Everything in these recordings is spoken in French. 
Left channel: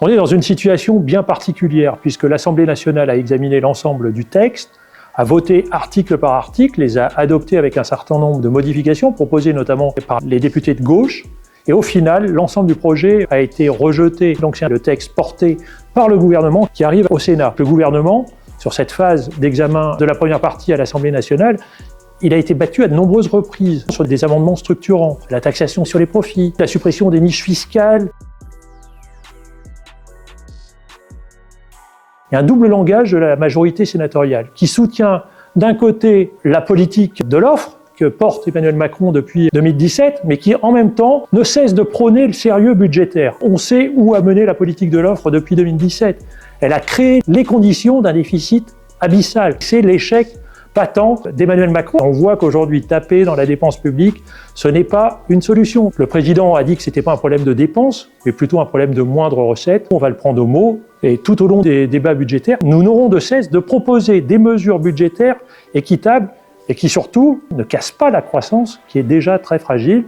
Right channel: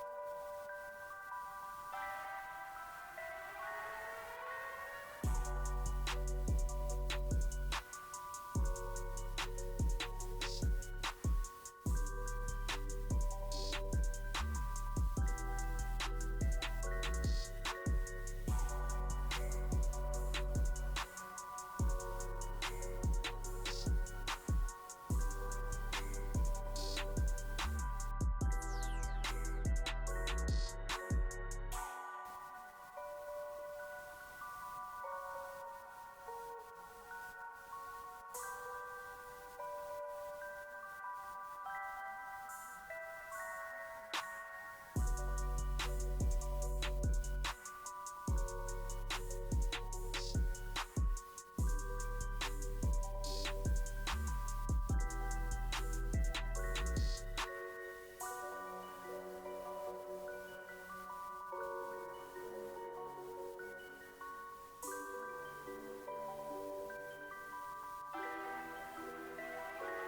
On est dans une situation bien particulière puisque l'Assemblée nationale a examiné l'ensemble du texte, a voté article par article, les a adoptés avec un certain nombre de modifications proposées notamment par les députés de gauche. Et au final, l'ensemble du projet a été rejeté. Donc c'est le texte porté par le gouvernement qui arrive au Sénat. Le gouvernement, sur cette phase d'examen de la première partie à l'Assemblée nationale, il a été battu à de nombreuses reprises sur des amendements structurants, la taxation sur les profits, la suppression des niches fiscales. Il y a un double langage de la majorité sénatoriale qui soutient d'un côté la politique de l'offre que porte Emmanuel Macron depuis 2017, mais qui en même temps ne cesse de prôner le sérieux budgétaire. On sait où a mené la politique de l'offre depuis 2017. Elle a créé les conditions d'un déficit abyssal. C'est l'échec patent d'Emmanuel Macron. On voit qu'aujourd'hui, taper dans la dépense publique, ce n'est pas une solution. Le président a dit que ce n'était pas un problème de dépenses, mais plutôt un problème de moindres recettes. On va le prendre au mot. Et tout au long des débats budgétaires, nous n'aurons de cesse de proposer des mesures budgétaires équitables et qui surtout ne cassent pas la croissance qui est déjà très fragile.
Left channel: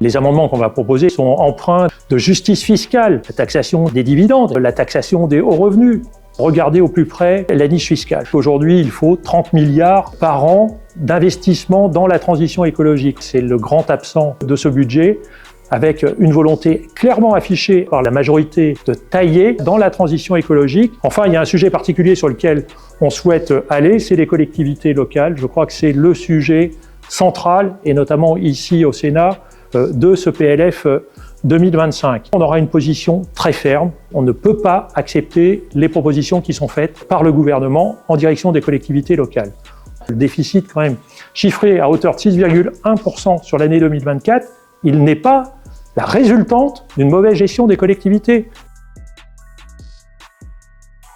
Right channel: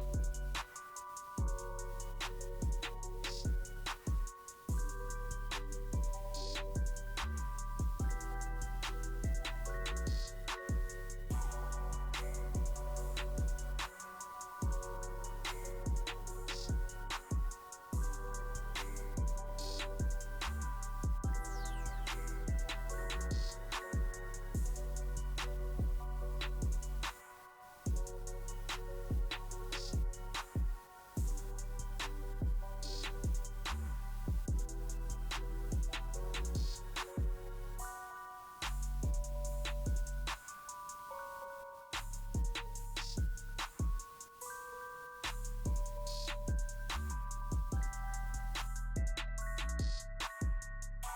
Les amendements qu'on va proposer sont empreints de justice fiscale, la taxation des dividendes, la taxation des hauts revenus. Regardez au plus près la niche fiscale. Aujourd'hui, il faut 30 milliards par an d'investissement dans la transition écologique. C'est le grand absent de ce budget, avec une volonté clairement affichée par la majorité de tailler dans la transition écologique. Enfin, il y a un sujet particulier sur lequel on souhaite aller, c'est les collectivités locales. Je crois que c'est le sujet central, et notamment ici au Sénat, de ce PLF 2025. On aura une position très ferme. On ne peut pas accepter les propositions qui sont faites par le gouvernement en direction des collectivités locales. Le déficit, quand même, chiffré à hauteur de 6,1% sur l'année 2024, il n'est pas la résultante d'une mauvaise gestion des collectivités.